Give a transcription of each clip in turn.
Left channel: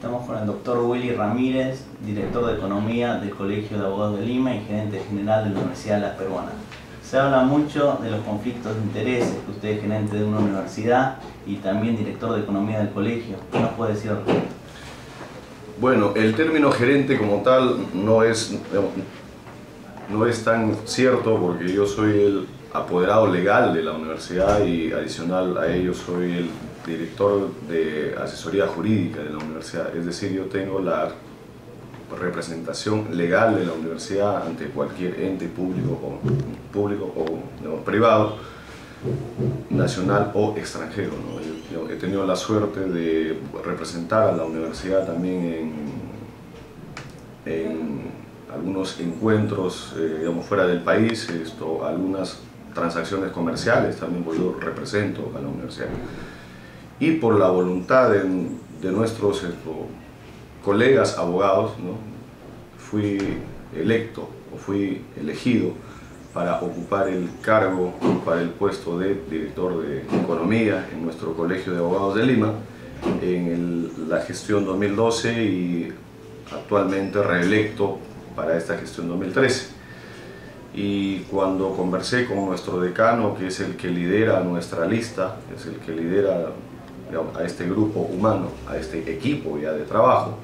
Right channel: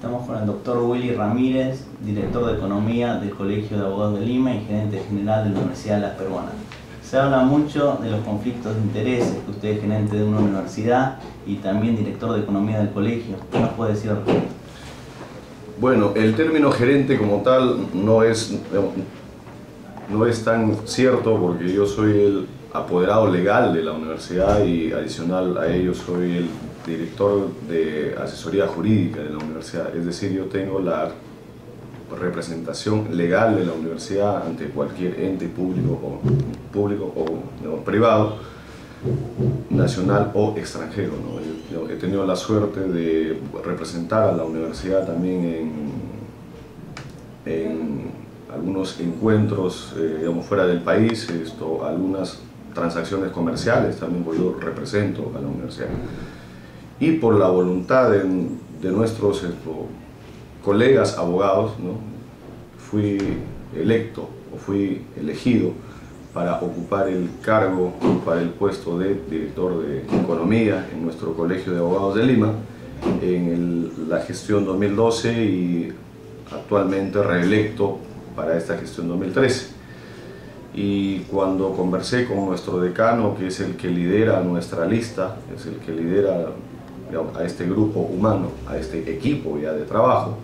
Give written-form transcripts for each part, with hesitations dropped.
Estamos con el doctor Willy Ramírez, director de Economía del Colegio de Abogados de Lima y gerente general de la Universidad de La Peruana. Se habla mucho de los conflictos de intereses, que usted es gerente de una universidad y también director de Economía del colegio. ¿Qué nos puede decir al respecto? Bueno, el término gerente como tal no es tan cierto, porque yo soy el apoderado legal de la universidad y adicional a ello soy el director de asesoría jurídica de la universidad. Es decir, yo tengo la representación legal de la universidad ante cualquier ente público o privado, nacional o extranjero, ¿no? Yo he tenido la suerte de representar a la universidad también en algunos encuentros fuera del país, algunas transacciones comerciales también, pues yo represento a la universidad. Y por la voluntad de nuestros colegas abogados, ¿no? Fui elegido para ocupar el cargo, para el puesto de director de Economía en nuestro Colegio de Abogados de Lima en la gestión 2012 y actualmente reelecto para esta gestión 2013. Y cuando conversé con nuestro decano, que es el que lidera nuestra lista, es el que lidera a este grupo humano, a este equipo ya de trabajo,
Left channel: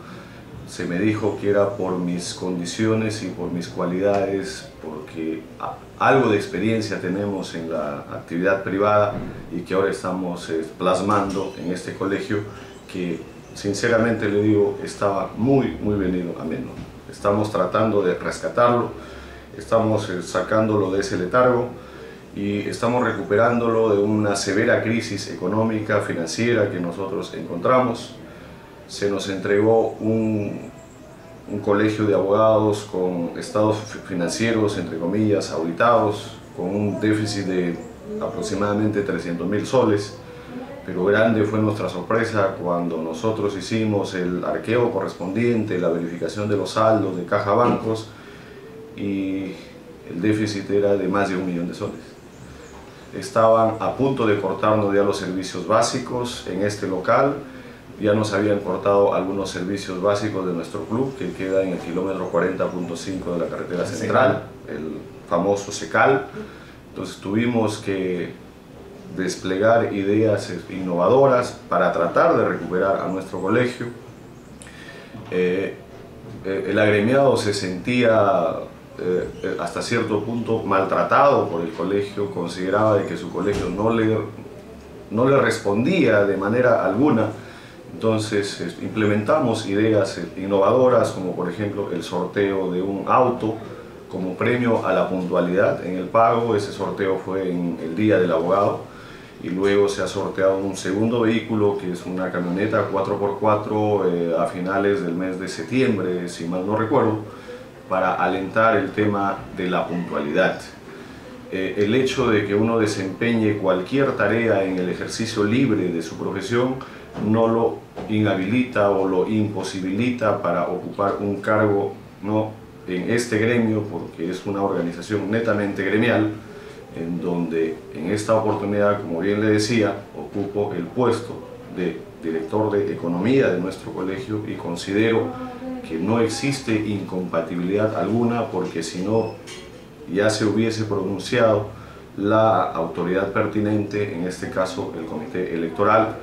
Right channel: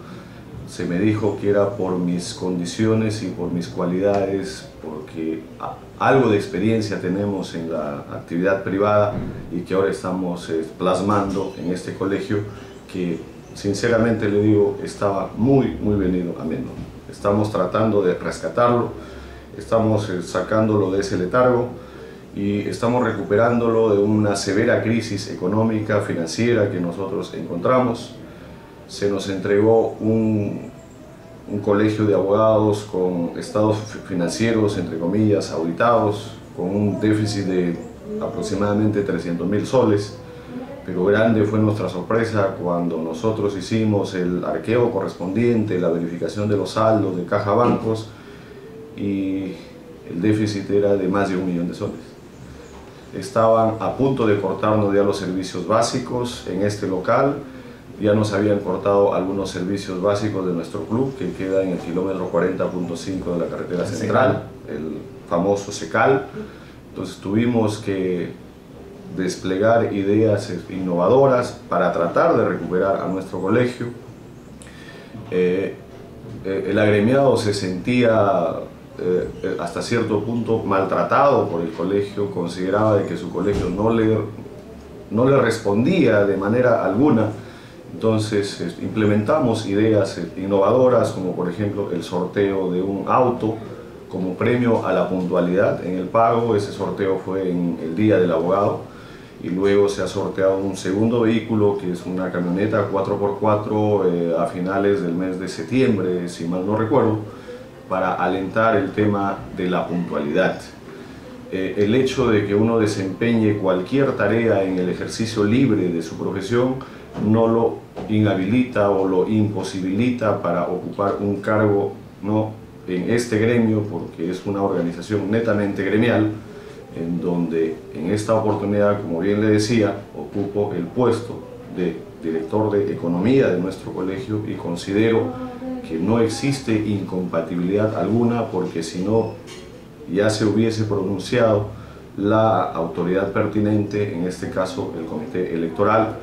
se me dijo que era por mis condiciones y por mis cualidades, porque algo de experiencia tenemos en la actividad privada y que ahora estamos plasmando en este colegio, que sinceramente le digo, estaba muy venido a menos. Estamos tratando de rescatarlo, estamos sacándolo de ese letargo y estamos recuperándolo de una severa crisis económica, financiera que nosotros encontramos. Se nos entregó un colegio de abogados con estados financieros, entre comillas, auditados, con un déficit de aproximadamente 300.000 soles, pero grande fue nuestra sorpresa cuando nosotros hicimos el arqueo correspondiente, la verificación de los saldos de caja bancos, y el déficit era de más de 1 millón de soles. Estaban a punto de cortarnos ya los servicios básicos en este local. Ya nos habían cortado algunos servicios básicos de nuestro club, que queda en el kilómetro 40.5 de la carretera central, el famoso SECAL. Entonces tuvimos que desplegar ideas innovadoras para tratar de recuperar a nuestro colegio. El agremiado se sentía hasta cierto punto maltratado por el colegio, consideraba de que su colegio no le respondía de manera alguna. Entonces implementamos ideas innovadoras, como por ejemplo el sorteo de un auto como premio a la puntualidad en el pago. Ese sorteo fue en el Día del Abogado, y luego se ha sorteado un segundo vehículo, que es una camioneta 4x4 a finales del mes de septiembre, si mal no recuerdo, para alentar el tema de la puntualidad. El hecho de que uno desempeñe cualquier tarea en el ejercicio libre de su profesión no lo inhabilita o lo imposibilita para ocupar un cargo, ¿no?, en este gremio, porque es una organización netamente gremial, en donde en esta oportunidad, como bien le decía, ocupo el puesto de director de Economía de nuestro colegio, y considero que no existe incompatibilidad alguna, porque si no ya se hubiese pronunciado la autoridad pertinente, en este caso el comité electoral,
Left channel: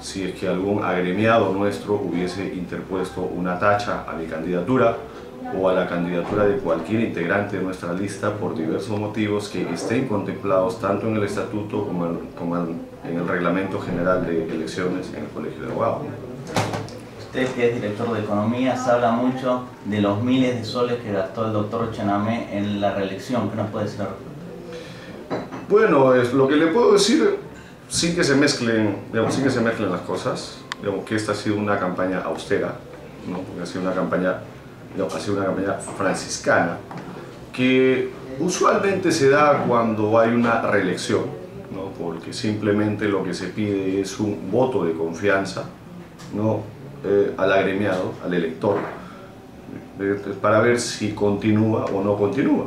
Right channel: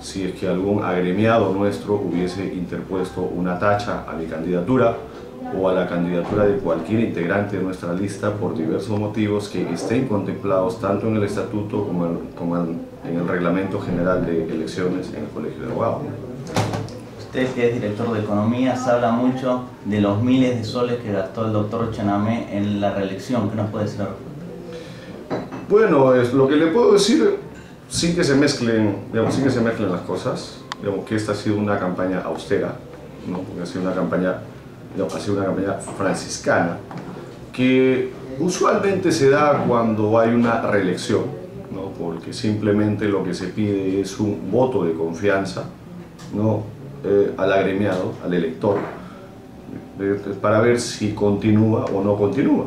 si es que algún agremiado nuestro hubiese interpuesto una tacha a mi candidatura o a la candidatura de cualquier integrante de nuestra lista por diversos motivos que estén contemplados tanto en el estatuto como en el reglamento general de elecciones en el Colegio de Abogados. Usted, que es director de Economía, se habla mucho de los miles de soles que gastó el doctor Chenamé en la reelección. ¿Qué nos puede decir al respecto? Bueno, lo que le puedo decir, sin que se mezclen las cosas, que esta ha sido una campaña austera, ¿no? Porque ha sido una campaña franciscana, que usualmente se da cuando hay una reelección, ¿no? Porque simplemente lo que se pide es un voto de confianza, ¿no?, al agremiado, al elector, para ver si continúa o no continúa.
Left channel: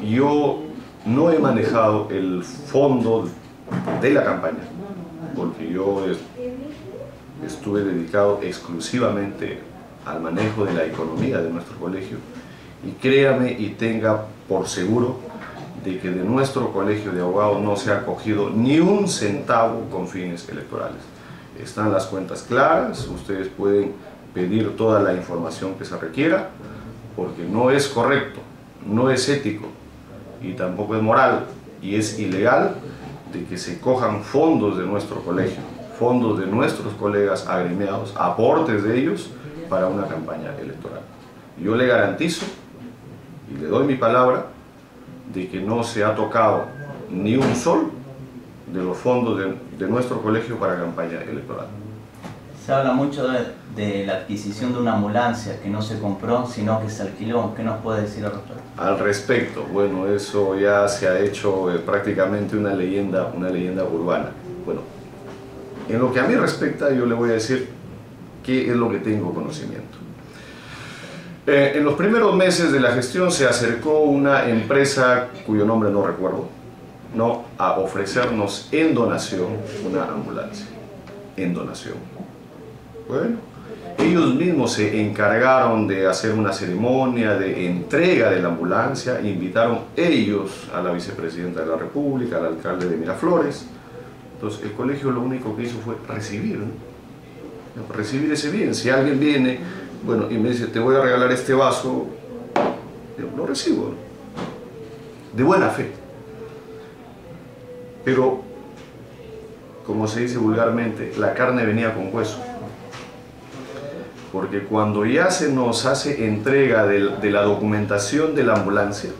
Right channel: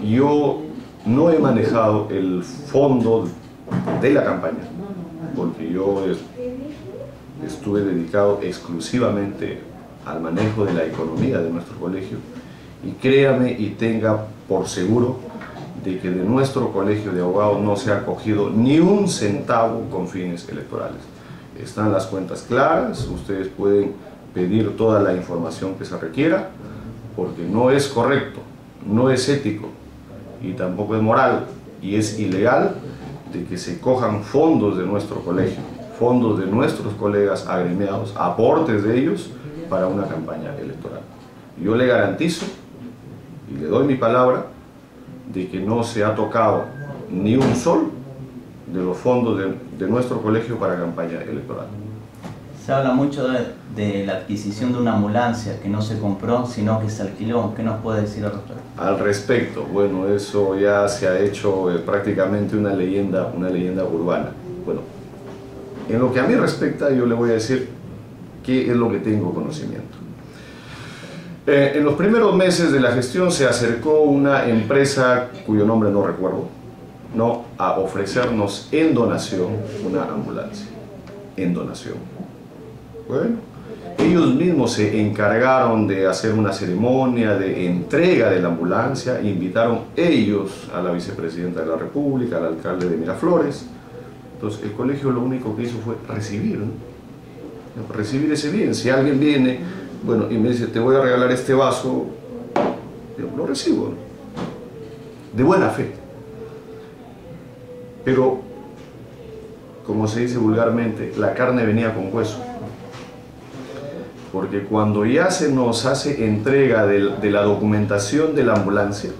Yo no he manejado el fondo de la campaña, porque yo estuve dedicado exclusivamente al manejo de la economía de nuestro colegio, y créame y tenga por seguro de que de nuestro colegio de abogados no se ha cogido ni un centavo con fines electorales. Están las cuentas claras, ustedes pueden pedir toda la información que se requiera, porque no es correcto, no es ético y tampoco es moral y es ilegal de que se cojan fondos de nuestro colegio, fondos de nuestros colegas agremiados, aportes de ellos para una campaña electoral. Yo le garantizo y le doy mi palabra de que no se ha tocado ni un sol de los fondos de nuestro colegio para campaña electoral. Se habla mucho de la adquisición de una ambulancia que no se compró, sino que se alquiló. ¿Qué nos puede decir al respecto? Al respecto, bueno, eso ya se ha hecho prácticamente una leyenda urbana. Bueno, en lo que a mí respecta, yo le voy a decir qué es lo que tengo conocimiento. En los primeros meses de la gestión se acercó una empresa cuyo nombre no recuerdo, ¿no?, a ofrecernos en donación una ambulancia, en donación. Bueno, ellos mismos se encargaron de hacer una ceremonia de entrega de la ambulancia, invitaron ellos a la vicepresidenta de la República, al alcalde de Miraflores. Entonces el colegio lo único que hizo fue recibir, ¿no?, recibir ese bien. Si alguien viene, bueno, y me dice, te voy a regalar este vaso, yo lo recibo, ¿no?, de buena fe. Pero, como se dice vulgarmente, la carne venía con hueso. Porque cuando ya se nos hace entrega de la documentación de la ambulancia,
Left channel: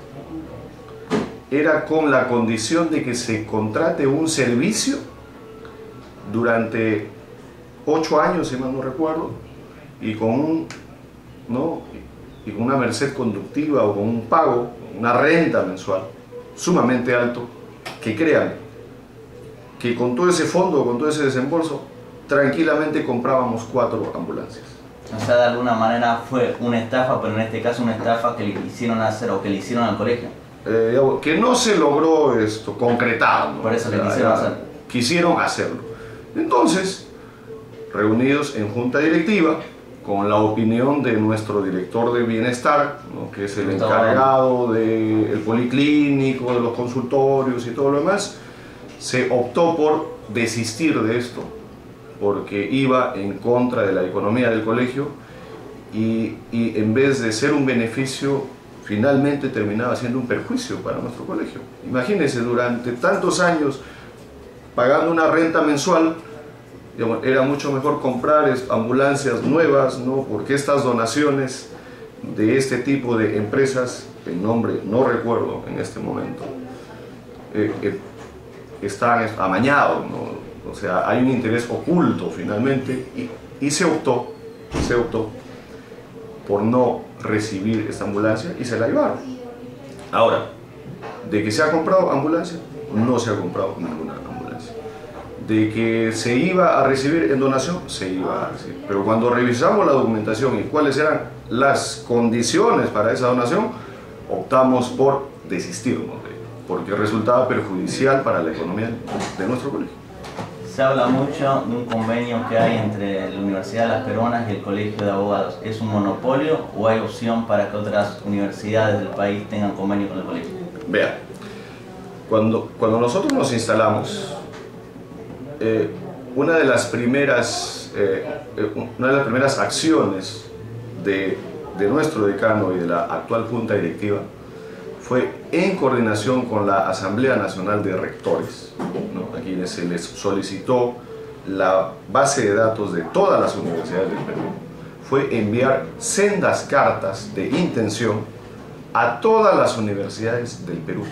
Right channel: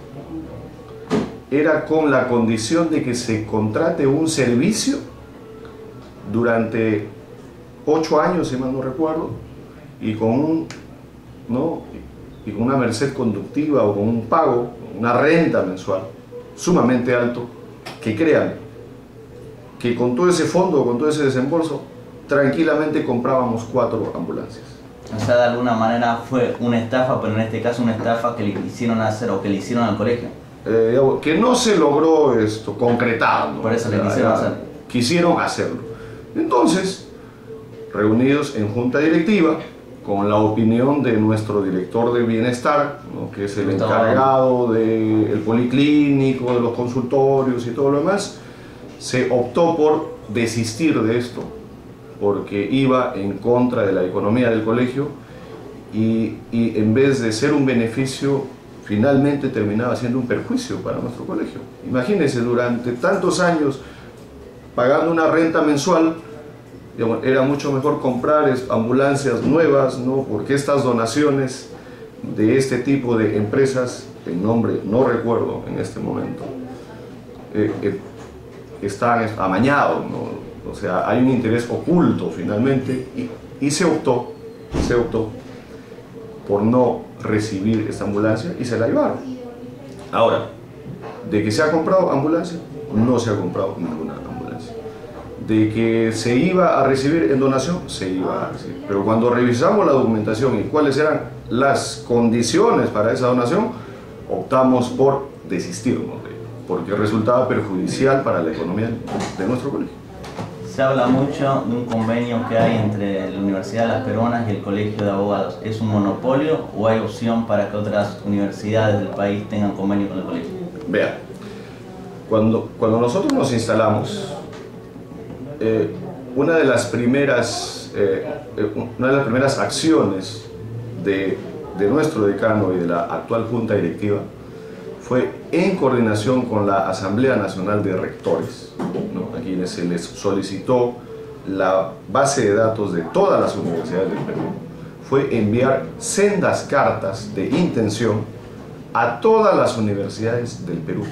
era con la condición de que se contrate un servicio durante 8 años, si mal no recuerdo, y con una merced conductiva o con un pago, una renta mensual sumamente alto, que créanme, que con todo ese fondo, con todo ese desembolso, tranquilamente comprábamos 4 ambulancias. O sea, de alguna manera fue una estafa, pero en este caso una estafa que le quisieron hacer o que le hicieron al colegio. Que no se logró concretar, ¿no? Por eso le quisieron hacer. Quisieron hacerlo. Entonces, reunidos en junta directiva, con la opinión de nuestro director de bienestar, ¿no?, que es el encargado del policlínico, de los consultorios y todo lo demás, se optó por desistir de esto, porque iba en contra de la economía del colegio y en vez de ser un beneficio, finalmente terminaba siendo un perjuicio para nuestro colegio. Imagínense, durante tantos años pagando una renta mensual, digamos, era mucho mejor comprar ambulancias nuevas, ¿no?, porque estas donaciones de este tipo de empresas, el nombre no recuerdo en este momento, están amañados, ¿no? O sea, hay un interés oculto finalmente y se optó por no recibir esta ambulancia y se la llevaron. Ahora, de que se ha comprado ambulancia, no se ha comprado ninguna ambulancia. De que se iba a recibir en donación, se iba a recibir. Pero cuando revisamos la documentación y cuáles eran las condiciones para esa donación, optamos por desistirnos de ello, porque resultaba perjudicial para la economía de nuestro colegio. Se habla mucho de un convenio que hay entre la Universidad de las Peruanas y el Colegio de Abogados. ¿Es un monopolio o hay opción para que otras universidades del país tengan convenio con el colegio? Vea, cuando nosotros nos instalamos, una de las primeras acciones de nuestro decano y de la actual junta directiva fue en coordinación con la Asamblea Nacional de Rectores, ¿no?, a quienes se les solicitó la base de datos de todas las universidades del Perú, fue enviar sendas cartas de intención a todas las universidades del Perú.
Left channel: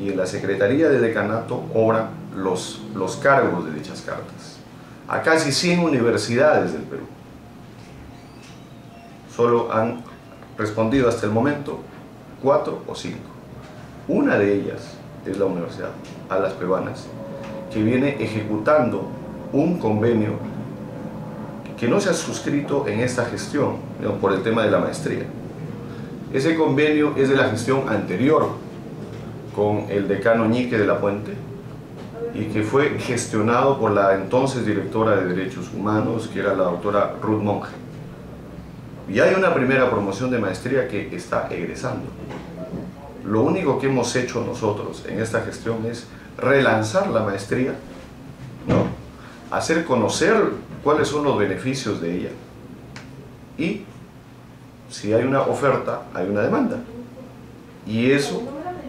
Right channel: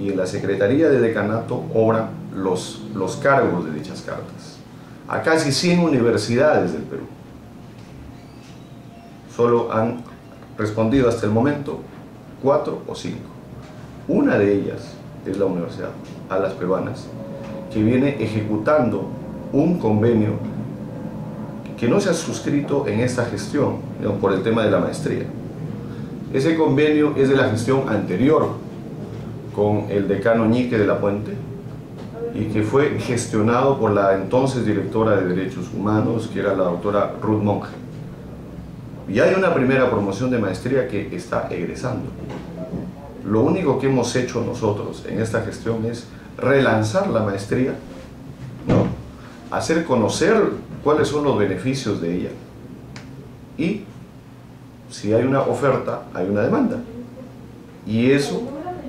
Y en la Secretaría de Decanato obran los cargos de dichas cartas a casi 100 universidades del Perú. Solo han respondido hasta el momento 4 o 5. Una de ellas es la Universidad a las Peruanas, que viene ejecutando un convenio que no se ha suscrito en esta gestión, ¿no?, por el tema de la maestría. Ese convenio es de la gestión anterior con el decano Ñique de la Puente, y que fue gestionado por la entonces directora de Derechos Humanos, que era la doctora Ruth Monge. Y hay una primera promoción de maestría que está egresando. Lo único que hemos hecho nosotros en esta gestión es relanzar la maestría, ¿no? Hacer conocer cuáles son los beneficios de ella. Y si hay una oferta, hay una demanda. Y eso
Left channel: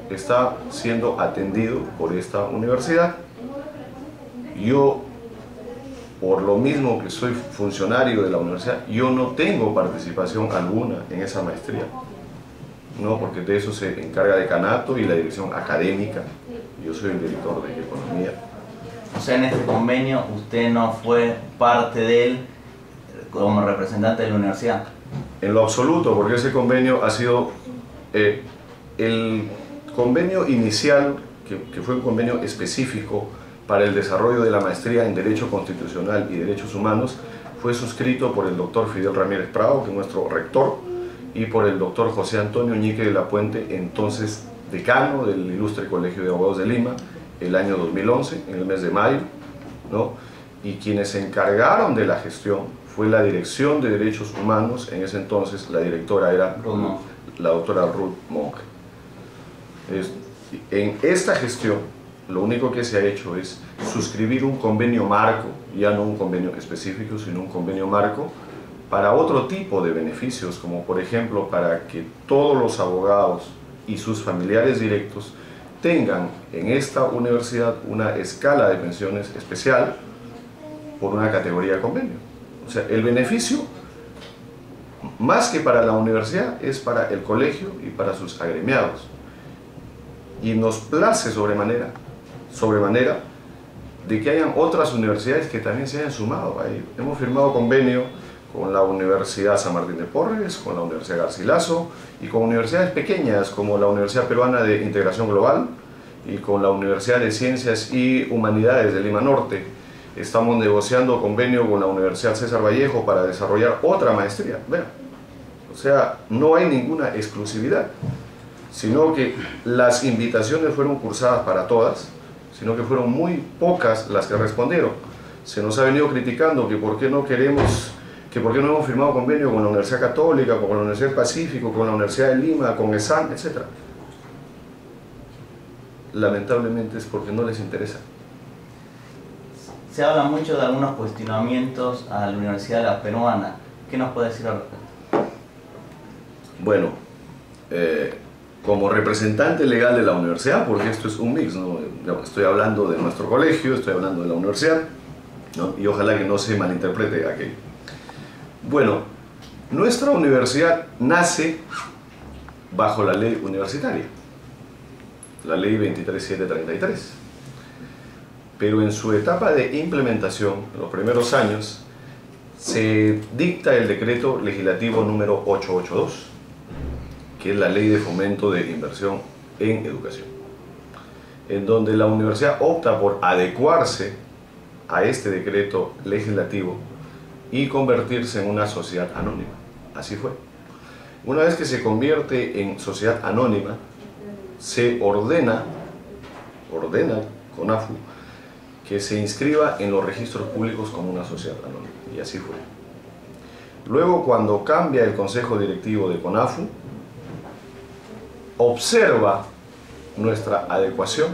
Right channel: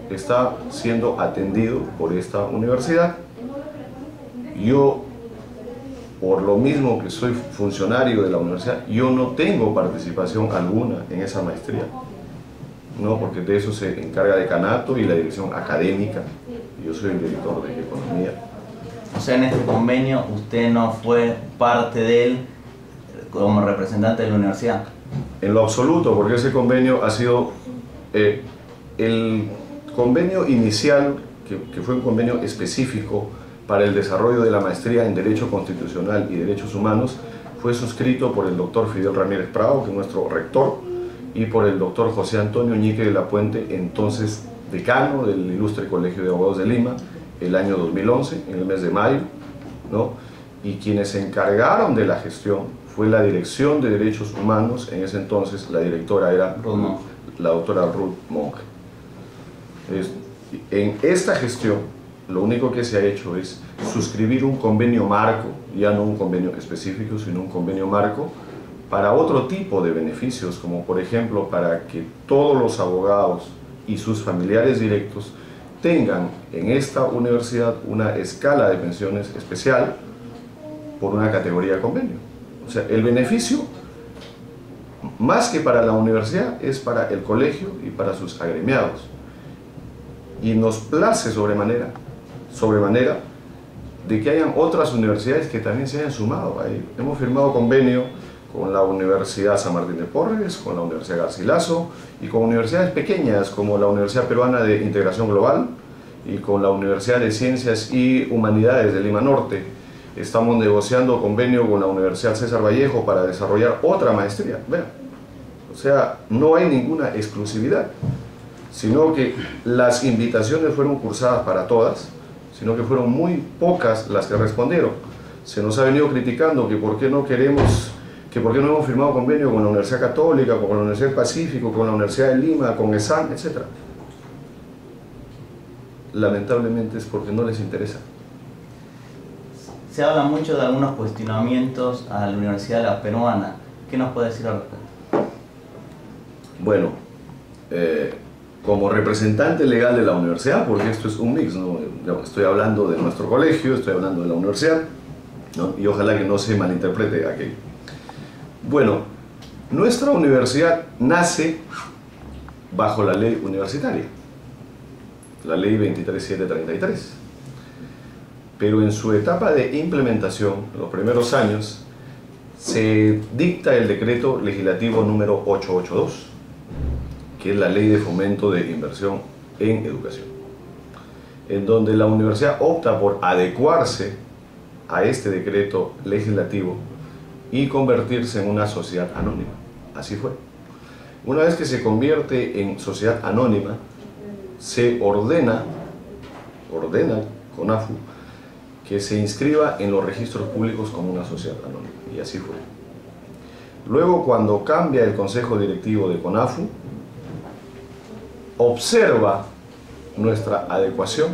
está siendo atendido por esta universidad. Yo, por lo mismo que soy funcionario de la universidad, yo no tengo participación alguna en esa maestría, ¿no? Porque de eso se encarga decanato y la dirección académica. Yo soy el director de economía. O sea, en este convenio usted no fue parte de él como representante de la universidad. En lo absoluto, porque ese convenio ha sido el convenio inicial, que fue un convenio específico para el desarrollo de la maestría en Derecho Constitucional y Derechos Humanos, fue suscrito por el doctor Fidel Ramírez Prado, que es nuestro rector, y por el doctor José Antonio Ñique de la Puente, entonces decano del Ilustre Colegio de Abogados de Lima, el año 2011, en el mes de mayo, ¿no? Y quienes se encargaron de la gestión fue la Dirección de Derechos Humanos. En ese entonces la directora era la doctora Ruth Monge. En esta gestión lo único que se ha hecho es suscribir un convenio marco, ya no un convenio específico, sino un convenio marco para otro tipo de beneficios, como por ejemplo para que todos los abogados y sus familiares directos tengan en esta universidad una escala de pensiones especial por una categoría de convenio. O sea, el beneficio, más que para la universidad, es para el colegio y para sus agremiados. Y nos place sobremanera de que hayan otras universidades que también se hayan sumado ahí. Hemos firmado convenio con la Universidad San Martín de Porres, con la Universidad Garcilaso y con universidades pequeñas como la Universidad Peruana de Integración Global y con la Universidad de Ciencias y Humanidades de Lima Norte. Estamos negociando convenio con la Universidad César Vallejo para desarrollar otra maestría. Vean, o sea, no hay ninguna exclusividad, sino que las invitaciones fueron cursadas para todas, sino que fueron muy pocas las que respondieron. Se nos ha venido criticando que por qué no hemos firmado convenio con la Universidad Católica, con la Universidad del Pacífico, con la Universidad de Lima, con ESAN, etc. Lamentablemente es porque no les interesa. Se habla mucho de algunos cuestionamientos a la Universidad La Peruana. ¿Qué nos puede decir al respecto? Bueno, como representante legal de la universidad, porque esto es un mix, ¿no? Estoy hablando de nuestro colegio, estoy hablando de la universidad, ¿no? Y ojalá que no se malinterprete aquello. Bueno, nuestra universidad nace bajo la ley universitaria, la ley 23733, pero en su etapa de implementación, en los primeros años, se dicta el decreto legislativo número 882, que es la ley de fomento de inversión en educación, en donde la universidad opta por adecuarse a este decreto legislativo y convertirse en una sociedad anónima. Así fue. Una vez que se convierte en sociedad anónima, se ordena CONAFU que se inscriba en los registros públicos como una sociedad anónima, y así fue. Luego, cuando cambia el consejo directivo de CONAFU, observa nuestra adecuación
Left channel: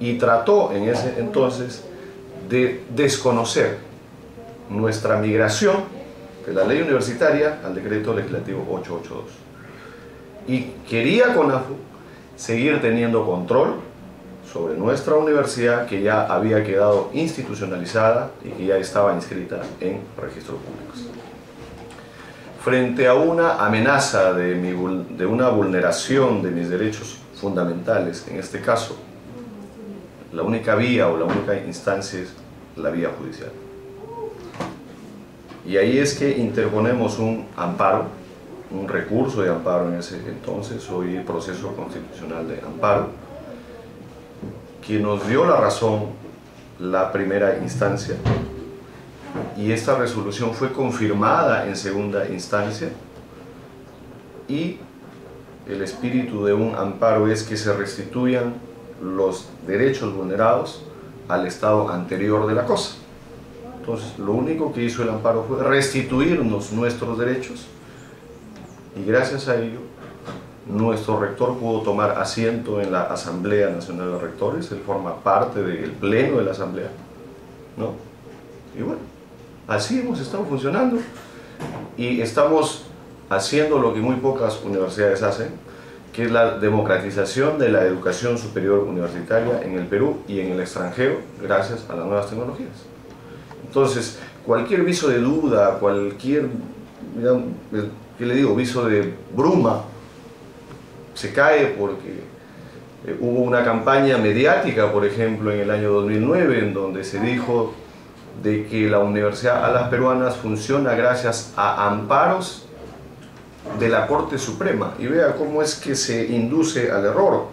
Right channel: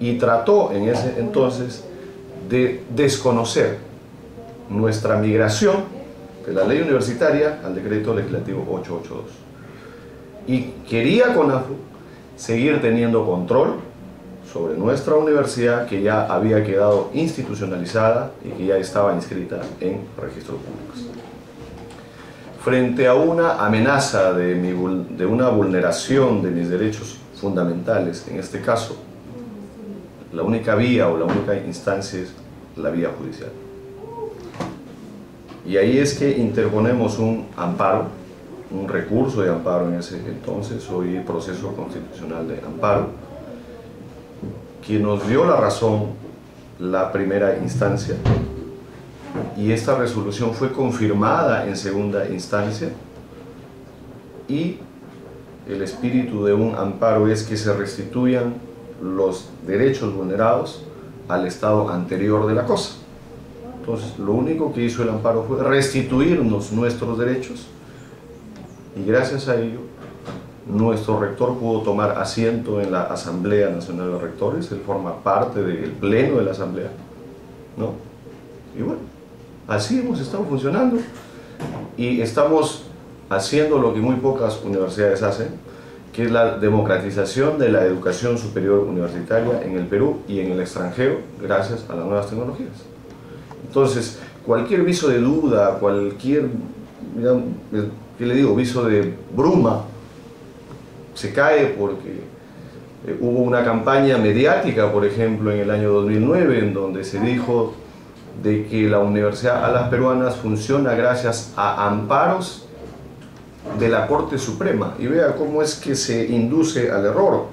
y trató en ese entonces de desconocer nuestra migración de la ley universitaria al decreto legislativo 882. Y quería CONAFU seguir teniendo control sobre nuestra universidad, que ya había quedado institucionalizada y que ya estaba inscrita en registros públicos. Frente a una amenaza de una vulneración de mis derechos fundamentales, en este caso, la única vía o la única instancia es la vía judicial. Y ahí es que interponemos un amparo, un recurso de amparo en ese entonces, hoy proceso constitucional de amparo, que nos dio la razón la primera instancia, y esta resolución fue confirmada en segunda instancia, y el espíritu de un amparo es que se restituyan los derechos vulnerados al estado anterior de la cosa. Entonces, lo único que hizo el amparo fue restituirnos nuestros derechos y gracias a ello nuestro rector pudo tomar asiento en la Asamblea Nacional de Rectores. Él forma parte del pleno de la Asamblea, ¿no? Y bueno, así hemos estado funcionando y estamos haciendo lo que muy pocas universidades hacen, que es la democratización de la educación superior universitaria en el Perú y en el extranjero gracias a las nuevas tecnologías. Entonces, cualquier viso de duda, cualquier, ¿qué le digo?, viso de bruma, se cae porque hubo una campaña mediática, por ejemplo, en el año 2009, en donde se dijo de que la Universidad Alas Peruanas funciona gracias a amparos de la Corte Suprema. Y vea cómo es que se induce al error.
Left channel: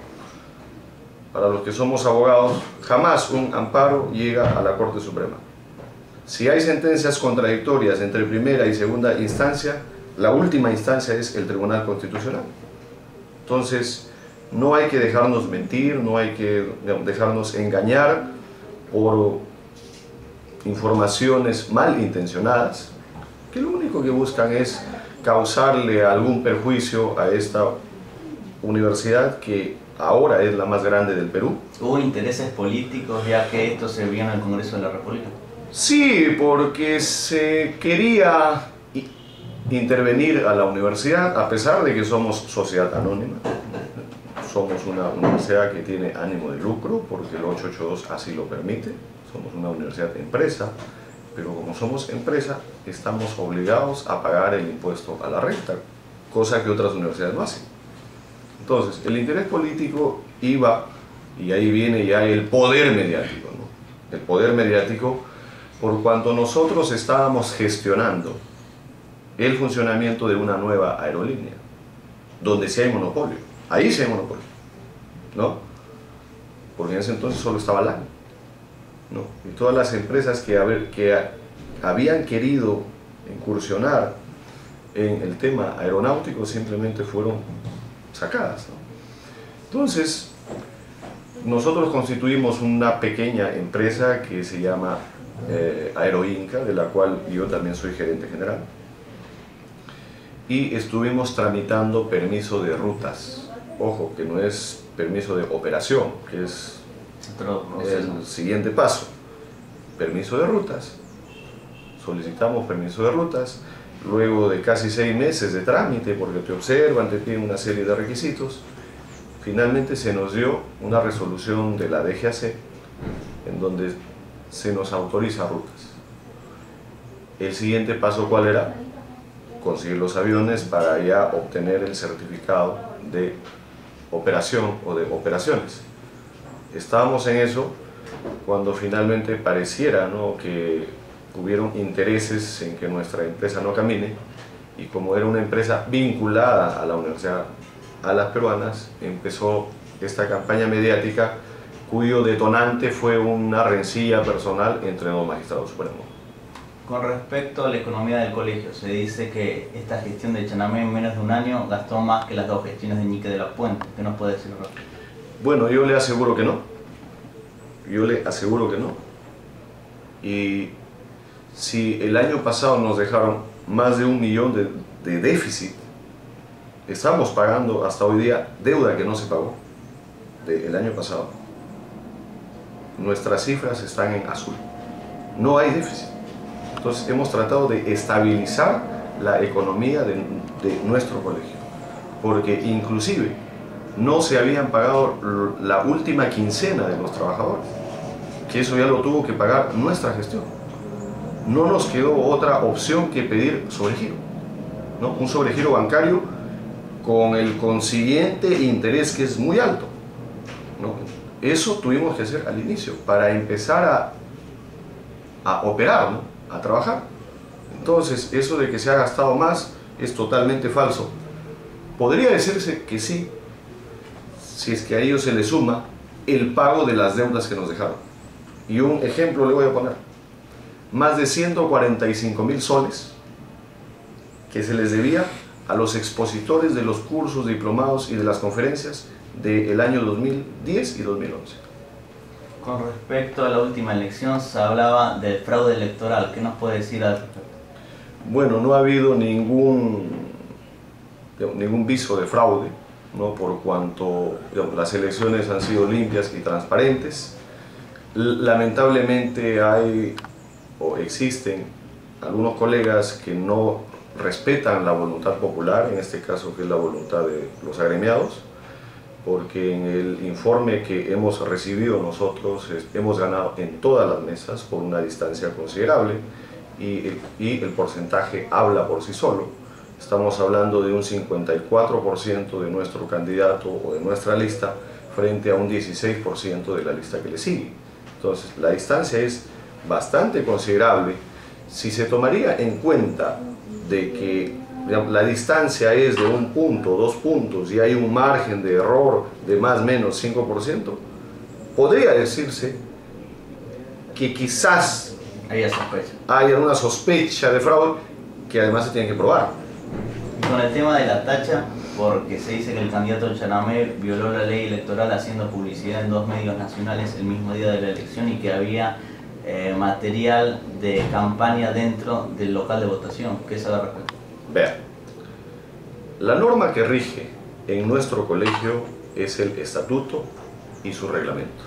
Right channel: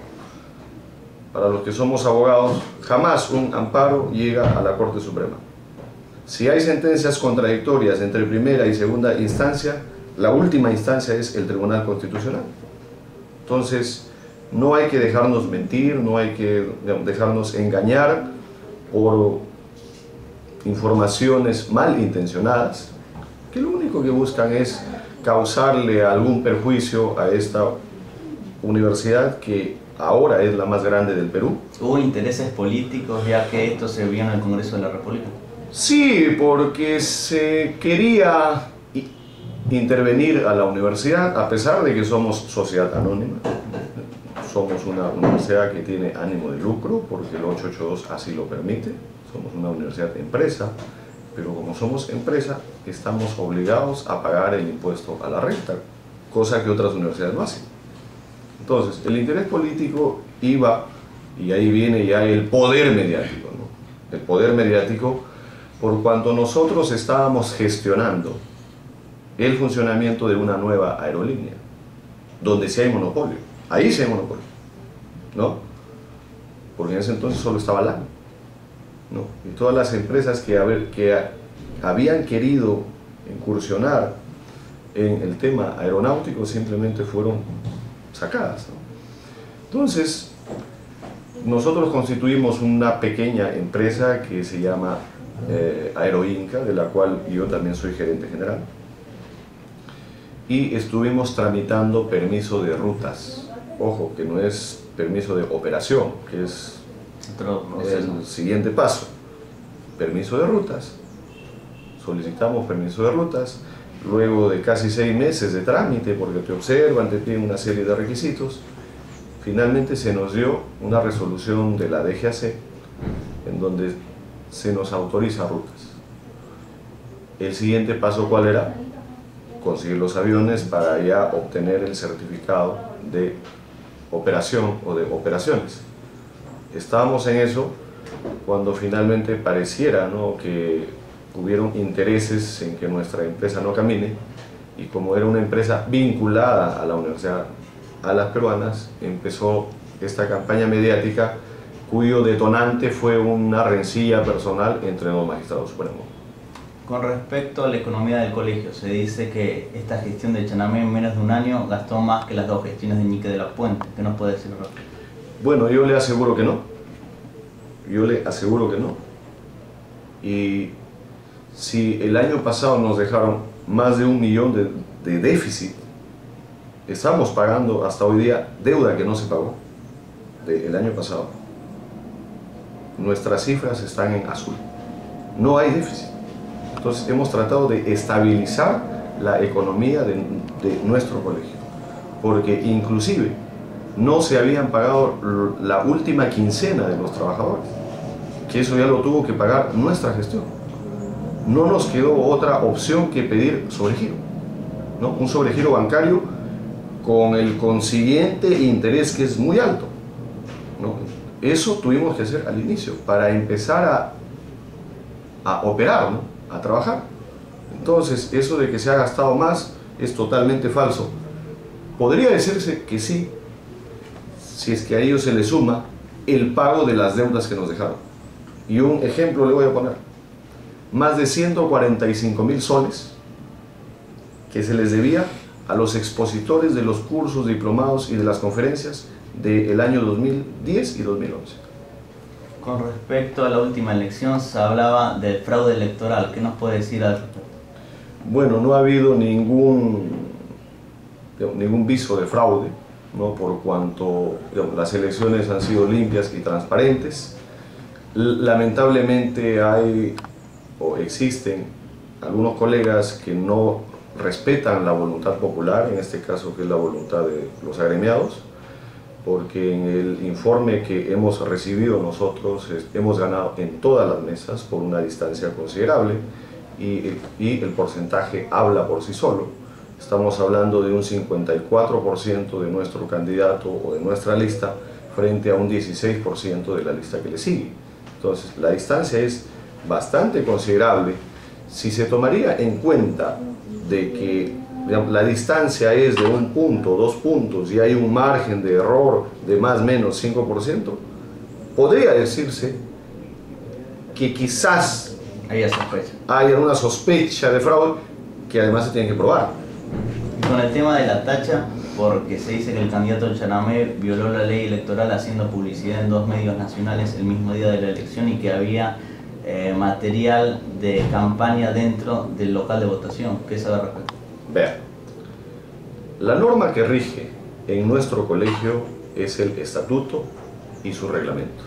Para los que somos abogados, jamás un amparo llega a la Corte Suprema. Si hay sentencias contradictorias entre primera y segunda instancia, la última instancia es el Tribunal Constitucional. Entonces, no hay que dejarnos mentir, no hay que dejarnos engañar por informaciones malintencionadas, que lo único que buscan es causarle algún perjuicio a esta universidad que ahora es la más grande del Perú. ¿Hubo intereses políticos ya que esto se vio en el Congreso de la República? Sí, porque se quería intervenir a la universidad, a pesar de que somos sociedad anónima. Somos una universidad que tiene ánimo de lucro, porque el 882 así lo permite. Somos una universidad empresa, pero como somos empresa, estamos obligados a pagar el impuesto a la renta, cosa que otras universidades no hacen. Entonces, el interés político iba, y ahí viene ya el poder mediático, ¿no? El poder mediático, por cuanto nosotros estábamos gestionando el funcionamiento de una nueva aerolínea, donde sí hay monopolio, ahí sí hay monopolio, ¿no? Porque en ese entonces solo estaba LAN, ¿no? Y todas las empresas que habían querido incursionar en el tema aeronáutico simplemente fueron sacadas, ¿no? Entonces, nosotros constituimos una pequeña empresa que se llama Aeroinca, de la cual yo también soy gerente general, y estuvimos tramitando permiso de rutas. Ojo, que no es permiso de operación, que es el siguiente paso. Permiso de rutas. Solicitamos permiso de rutas, luego de casi 6 meses de trámite, porque te observan, te piden una serie de requisitos. Finalmente se nos dio una resolución de la DGAC, en donde se nos autoriza rutas. El siguiente paso, ¿cuál era? Conseguir los aviones para ya obtener el certificado de operación o de operaciones. Estábamos en eso cuando finalmente pareciera, ¿no?, que hubieron intereses en que nuestra empresa no camine, y como era una empresa vinculada a la Universidad Alas Peruanas, empezó esta campaña mediática cuyo detonante fue una rencilla personal entre dos magistrados supremos. Con respecto a la economía del colegio, se dice que esta gestión de Chanamé en menos de un año gastó más que las 2 gestiones de Ñique de la Puente. ¿Qué nos puede decir, Rafa? Bueno, yo le aseguro que no. Yo le aseguro que no. Y si el año pasado nos dejaron más de 1 millón de déficit, estamos pagando hasta hoy día deuda que no se pagó del año pasado. Nuestras cifras están en azul. No hay déficit. Entonces hemos tratado de estabilizar la economía de nuestro colegio, porque inclusive no se habían pagado la última quincena de los trabajadores, que eso ya lo tuvo que pagar nuestra gestión. No nos quedó otra opción que pedir sobregiro, ¿no? Un sobregiro bancario con el consiguiente interés que es muy alto, ¿no? Eso tuvimos que hacer al inicio para empezar a operar, ¿no?, a trabajar. Entonces, eso de que se ha gastado más es totalmente falso. Podría decirse que sí, si es que a ello se le suma el pago de las deudas que nos dejaron. Y un ejemplo le voy a poner. Más de 145.000 soles que se les debía a los expositores de los cursos, diplomados y de las conferencias del año 2010 y 2011. Con respecto a la última elección, se hablaba del fraude electoral. ¿Qué nos puede decir al respecto? Bueno, no ha habido ningún viso de fraude, ¿no? Por cuanto las elecciones han sido limpias y transparentes. Lamentablemente hay o existen algunos colegas que no respetan la voluntad popular, en este caso que es la voluntad de los agremiados, porque en el informe que hemos recibido nosotros hemos ganado en todas las mesas por una distancia considerable y el porcentaje habla por sí solo. Estamos hablando de un 54% de nuestro candidato o de nuestra lista frente a un 16% de la lista que le sigue. Entonces la distancia es bastante considerable. Si se tomaría en cuenta de que la distancia es de 1 punto, 2 puntos y hay un margen de error de más o menos 5%, podría decirse que quizás haya una sospecha de fraude que además se tiene que probar. Y con el tema de la tacha, porque se dice que el candidato Chanamé violó la ley electoral haciendo publicidad en 2 medios nacionales el mismo día de la elección y que había material de campaña dentro del local de votación. ¿Qué sabe al respecto? Vean, la norma que rige en nuestro colegio es el estatuto y sus reglamentos.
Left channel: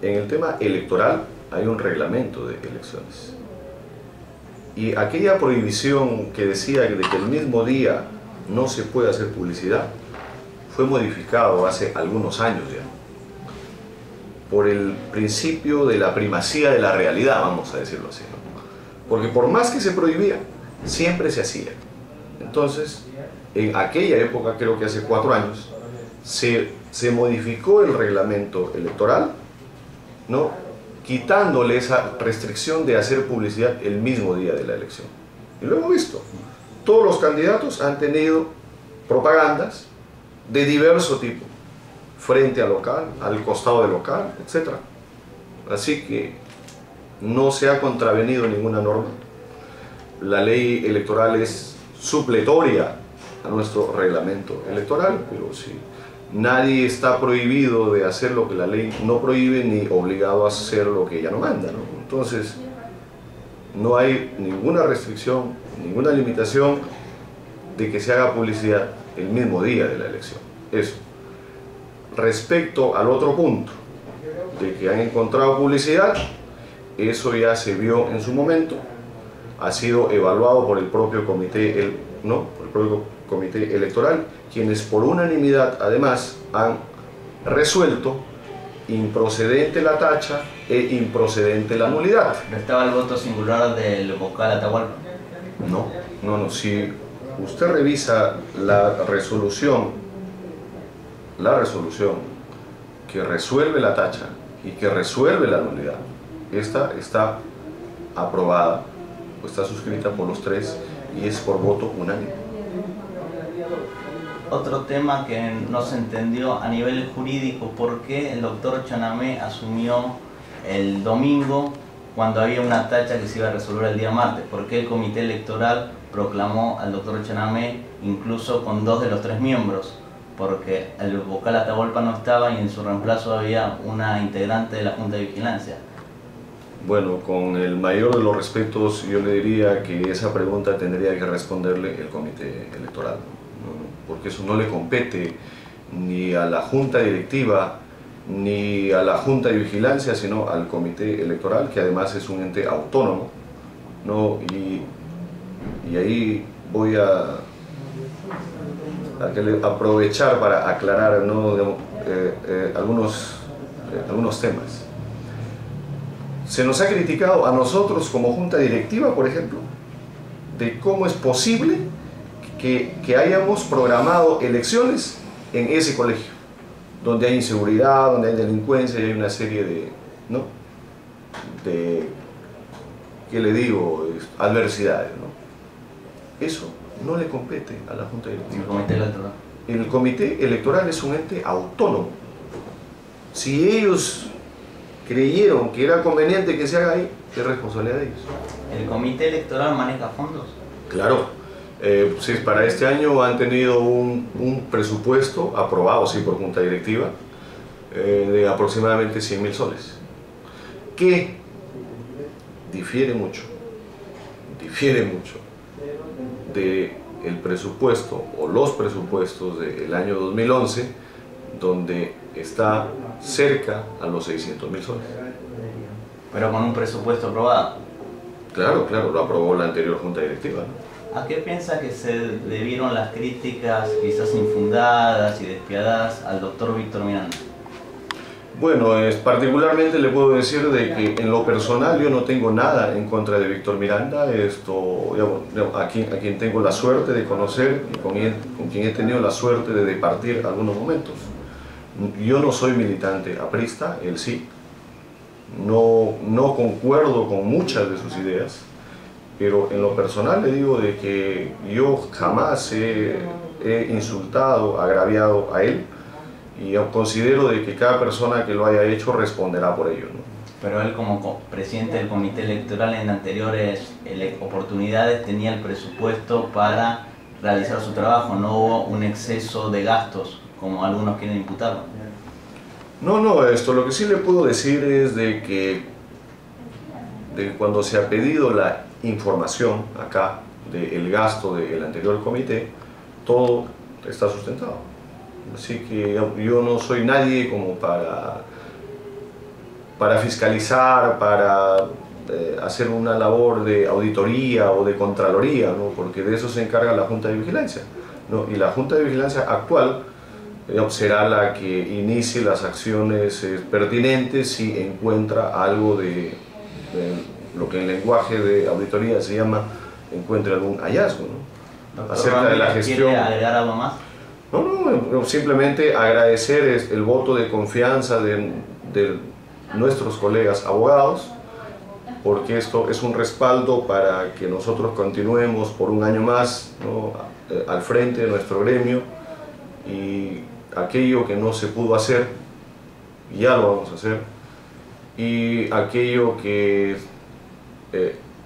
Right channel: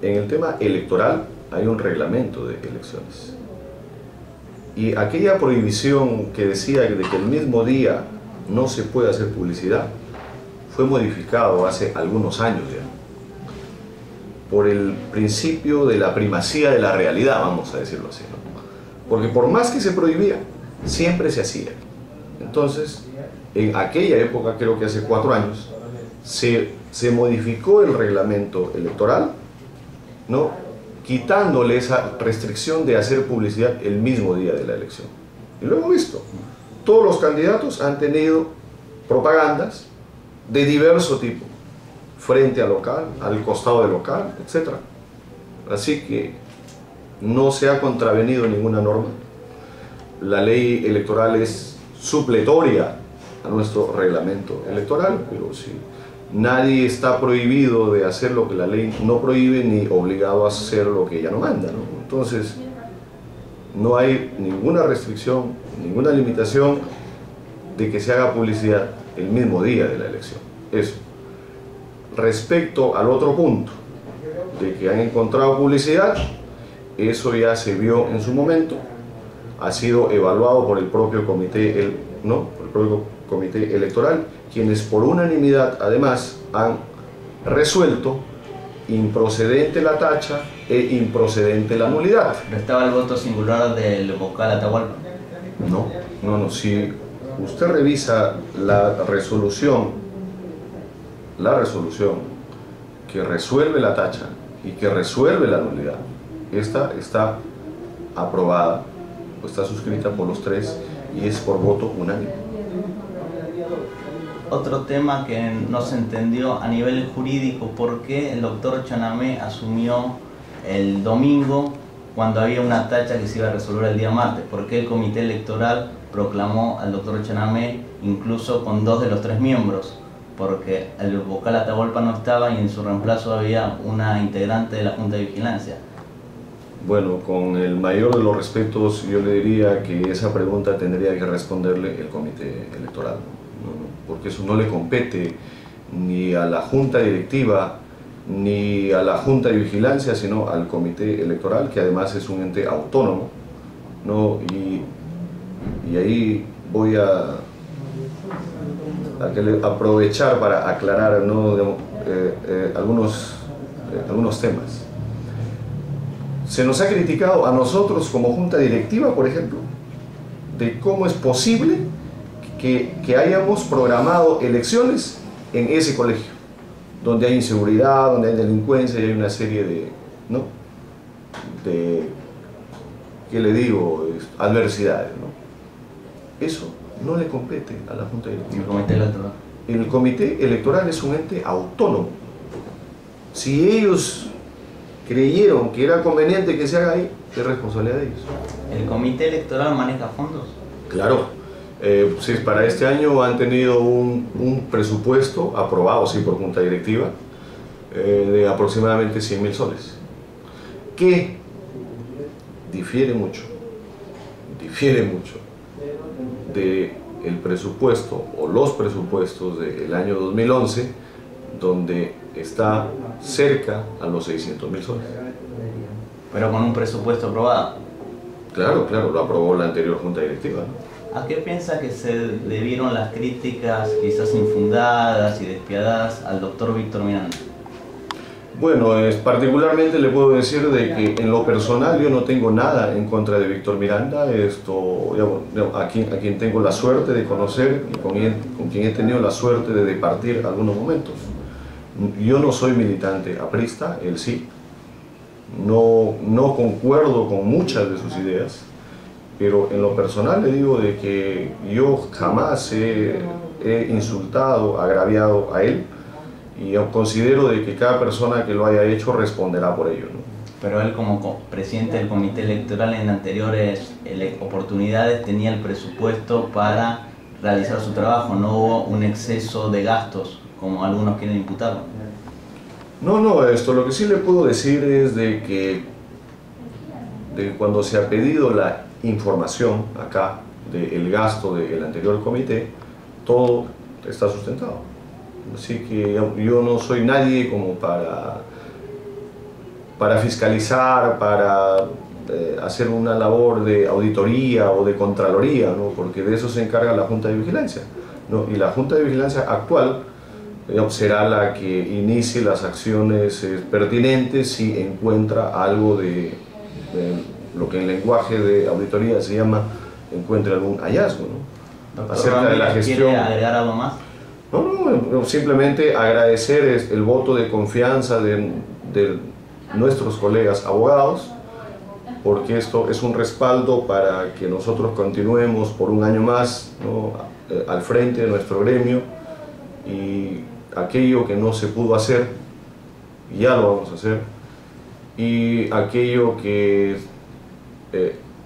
En el tema electoral hay un reglamento de elecciones. Y aquella prohibición que decía de que el mismo día no se puede hacer publicidad fue modificado hace algunos años ya, por el principio de la primacía de la realidad, vamos a decirlo así, ¿no? Porque por más que se prohibía, siempre se hacía. Entonces, en aquella época, creo que hace 4 años, se modificó el reglamento electoral, ¿no? Quitándole esa restricción de hacer publicidad el mismo día de la elección. Y lo hemos visto. Todos los candidatos han tenido propagandas de diverso tipo, frente al local, al costado del local, etc. Así que no se ha contravenido ninguna norma. La ley electoral es supletoria a nuestro reglamento electoral, pero sí, nadie está prohibido de hacer lo que la ley no prohíbe ni obligado a hacer lo que ella no manda, ¿no? Entonces, no hay ninguna restricción, ninguna limitación de que se haga publicidad el mismo día de la elección. Eso. Respecto al otro punto, de que han encontrado publicidad, eso ya se vio en su momento, ha sido evaluado por el propio comité, por el propio comité electoral, quienes por unanimidad además han resuelto improcedente la tacha e improcedente la nulidad. ¿Pero estaba el voto singular del vocal Atahualpa? No, si usted revisa la resolución que resuelve la tacha y que resuelve la nulidad, esta está aprobada, está suscrita por los 3 y es por voto unánime. Otro tema que no se entendió a nivel jurídico, ¿por qué el doctor Chanamé asumió el domingo cuando había una tacha que se iba a resolver el día martes? ¿Por qué el comité electoral proclamó al doctor Chanamé incluso con 2 de los 3 miembros? Porque el vocal Atahualpa no estaba y en su reemplazo había una integrante de la Junta de Vigilancia. Bueno, con el mayor de los respetos, yo le diría que esa pregunta tendría que responderle el comité electoral, porque eso no le compete ni a la Junta Directiva ni a la Junta de Vigilancia, sino al comité electoral, que además es un ente autónomo, ¿no? Y ahí voy a aprovechar para aclarar, ¿no? algunos temas. Se nos ha criticado a nosotros como Junta Directiva, por ejemplo, de cómo es posible que hayamos programado elecciones en ese colegio, donde hay inseguridad, donde hay delincuencia y hay una serie de, ¿no? ¿Qué le digo? Adversidades, ¿no? Eso no le compete a la Junta Directiva. ¿El comité electoral? El comité electoral es un ente autónomo. Si ellos creyeron que era conveniente que se haga ahí, es responsabilidad de ellos. ¿El comité electoral maneja fondos? Claro, Sí, para este año han tenido un presupuesto aprobado, sí, por junta directiva, de aproximadamente 100.000 soles, que difiere mucho del presupuesto o los presupuestos del año 2011, donde está cerca a los 600.000 soles. Pero con un presupuesto aprobado. Claro, claro, lo aprobó la anterior junta directiva, ¿no? ¿A qué piensa que se debieron las críticas quizás infundadas y despiadadas al doctor Víctor Miranda? Bueno, particularmente le puedo decir de que en lo personal yo no tengo nada en contra de Víctor Miranda, a quien tengo la suerte de conocer y con quien he tenido la suerte de departir algunos momentos. Yo no soy militante aprista, él sí. No concuerdo con muchas de sus ideas, pero en lo personal le digo de que yo jamás he insultado, agraviado a él, y considero de que cada persona que lo haya hecho responderá por ello, ¿no? Pero él como presidente del comité electoral en anteriores oportunidades tenía el presupuesto para realizar su trabajo, no hubo un exceso de gastos como algunos quieren imputarlo. No, lo que sí le puedo decir es de que cuando se ha pedido la información acá del gasto del anterior comité, todo está sustentado. Así que yo no soy nadie como para fiscalizar, para hacer una labor de auditoría o de contraloría, ¿no? Porque de eso se encarga la Junta de Vigilancia, ¿no? Y la Junta de Vigilancia actual será la que inicie las acciones pertinentes si encuentra algo de lo que en lenguaje de auditoría se llama, encuentre algún hallazgo, ¿no? Doctor Acerca Ramírez, de la gestión. ¿quiere agregar algo más? No, simplemente agradecer el voto de confianza de nuestros colegas abogados, porque esto es un respaldo para que nosotros continuemos por un año más, ¿no? Al frente de nuestro gremio, y aquello que no se pudo hacer, ya lo vamos a hacer, y aquello que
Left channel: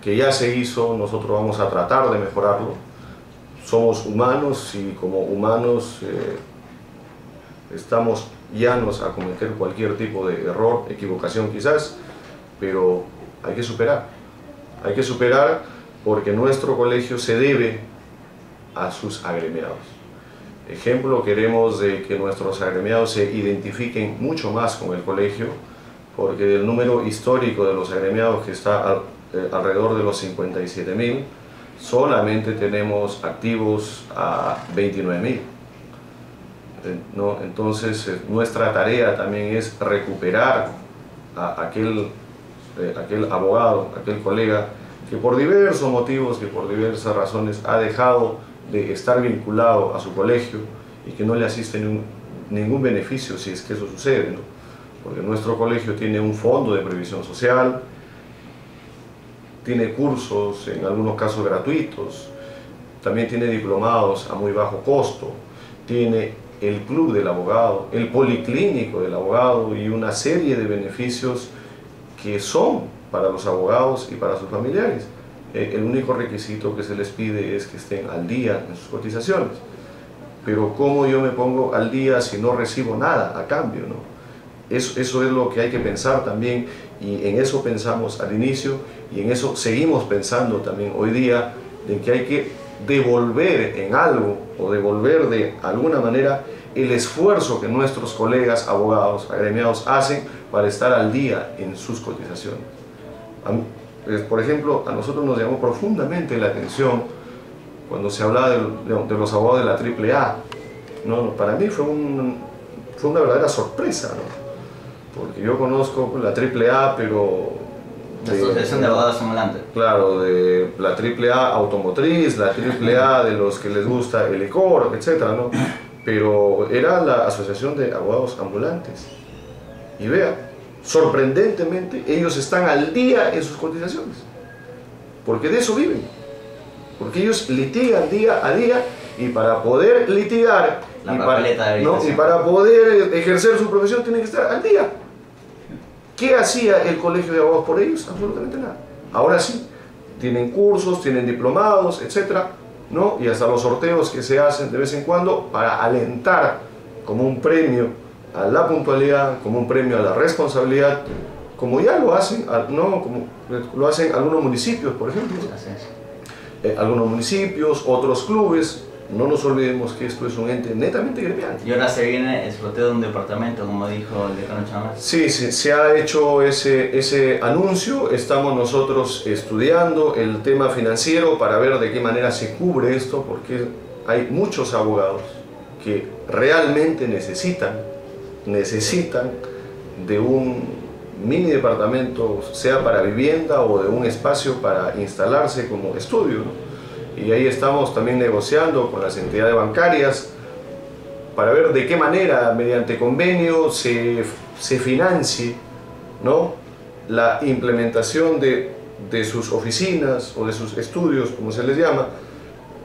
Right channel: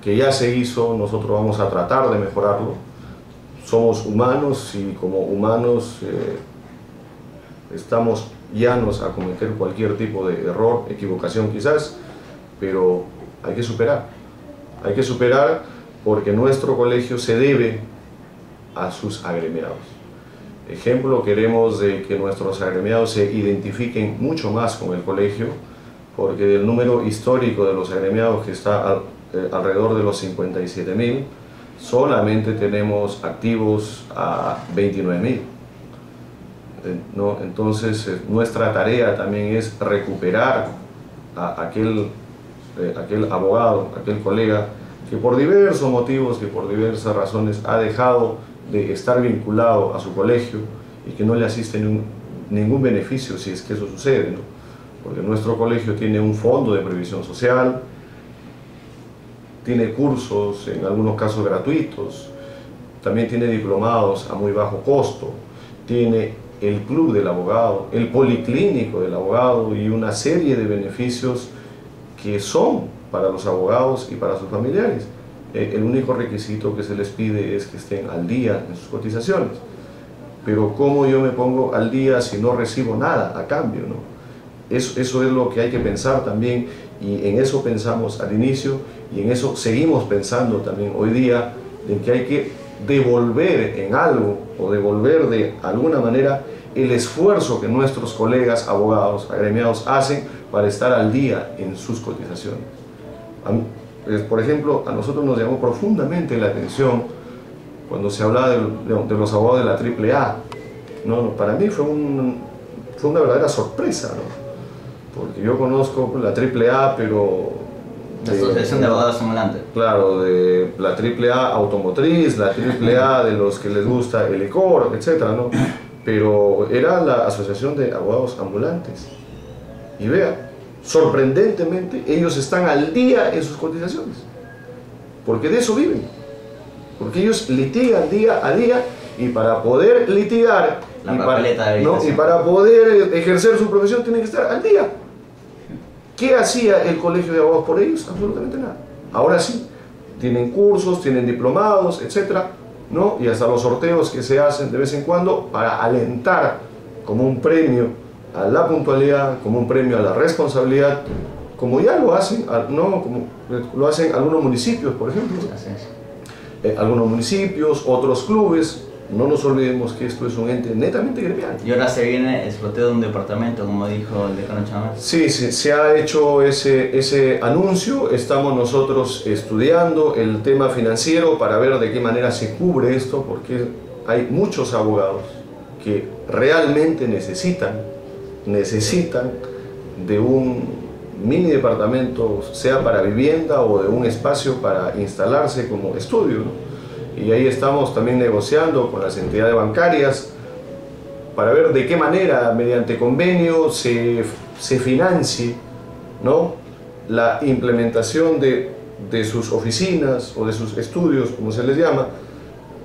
ya se hizo, nosotros vamos a tratar de mejorarlo. Somos humanos y como humanos estamos llanos a cometer cualquier tipo de error, equivocación quizás, pero hay que superar. Hay que superar porque nuestro colegio se debe a sus agremiados. Ejemplo, queremos de que nuestros agremiados se identifiquen mucho más con el colegio, porque del número histórico de los agremiados, que está alrededor de los 57.000, solamente tenemos activos a 29.000, ¿no? Entonces nuestra tarea también es recuperar a aquel abogado, aquel colega que por diversos motivos, que por diversas razones ha dejado de estar vinculado a su colegio y que no le asiste ningún beneficio si es que eso sucede, ¿no? Porque nuestro colegio tiene un fondo de previsión social, tiene cursos, en algunos casos gratuitos, también tiene diplomados a muy bajo costo, tiene el club del abogado, el policlínico del abogado y una serie de beneficios que son para los abogados y para sus familiares. El único requisito que se les pide es que estén al día en sus cotizaciones. Pero ¿cómo yo me pongo al día si no recibo nada a cambio, ¿no? Eso es lo que hay que pensar también, y en eso pensamos al inicio y en eso seguimos pensando también hoy día, de que hay que devolver en algo o devolver de alguna manera el esfuerzo que nuestros colegas abogados agremiados hacen para estar al día en sus cotizaciones. Por ejemplo, a nosotros nos llamó profundamente la atención cuando se hablaba de los abogados de la AAA, ¿no? Para mí fue una verdadera sorpresa, ¿no? Porque yo conozco la AAA, pero... La Asociación de Abogados Ambulantes. Claro, de la AAA automotriz, la AAA de los que les gusta el licor, etc., ¿no? Pero era la Asociación de Abogados Ambulantes. Y vea, sorprendentemente, ellos están al día en sus cotizaciones. Porque de eso viven. Porque ellos litigan día a día, y para poder litigar y para poder ejercer su profesión tienen que estar al día. ¿Qué hacía el Colegio de Abogados por ellos? Absolutamente nada. Ahora sí, tienen cursos, tienen diplomados, etc. ¿no? Y hasta los sorteos que se hacen de vez en cuando para alentar como un premio a la puntualidad, como un premio a la responsabilidad, como ya lo hacen, ¿no? Como lo hacen algunos municipios, por ejemplo. Algunos municipios, otros clubes. No nos olvidemos que esto es un ente netamente gremial. Y ahora se viene el sorteo de un departamento, como dijo el decano Chamás. Sí, se ha hecho ese anuncio. Estamos nosotros estudiando el tema financiero para ver de qué manera se cubre esto, porque hay muchos abogados que realmente necesitan de un mini departamento, sea para vivienda o de un espacio para instalarse como estudio, ¿no? Y ahí estamos también negociando con las entidades bancarias para ver de qué manera, mediante convenio, se financie, ¿no?, la implementación de sus oficinas o de sus estudios, como se les llama,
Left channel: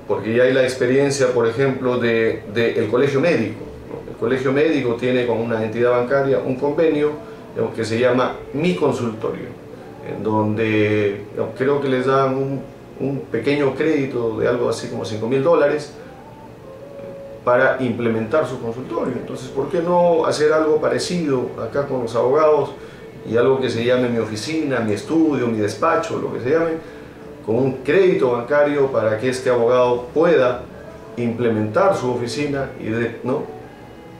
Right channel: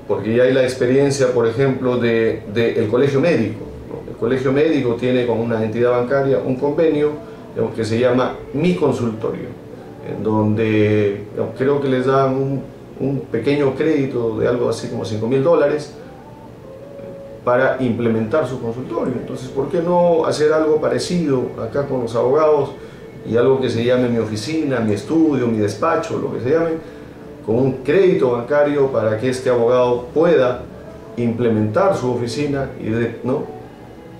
porque ya hay la experiencia, por ejemplo, del colegio médico, ¿no? El colegio médico tiene con una entidad bancaria un convenio que se llama Mi Consultorio, en donde creo que les dan un pequeño crédito de algo así como $5.000 para implementar su consultorio. Entonces, ¿por qué no hacer algo parecido acá con los abogados y algo que se llame Mi Oficina, Mi Estudio, Mi Despacho, lo que se llame, con un crédito bancario para que este abogado pueda implementar su oficina y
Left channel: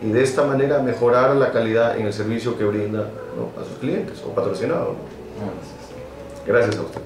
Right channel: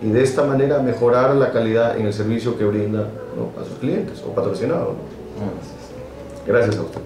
de esta manera mejorar la calidad en el servicio que brinda, ¿no?, a sus clientes o patrocinados, ¿no? Gracias a usted.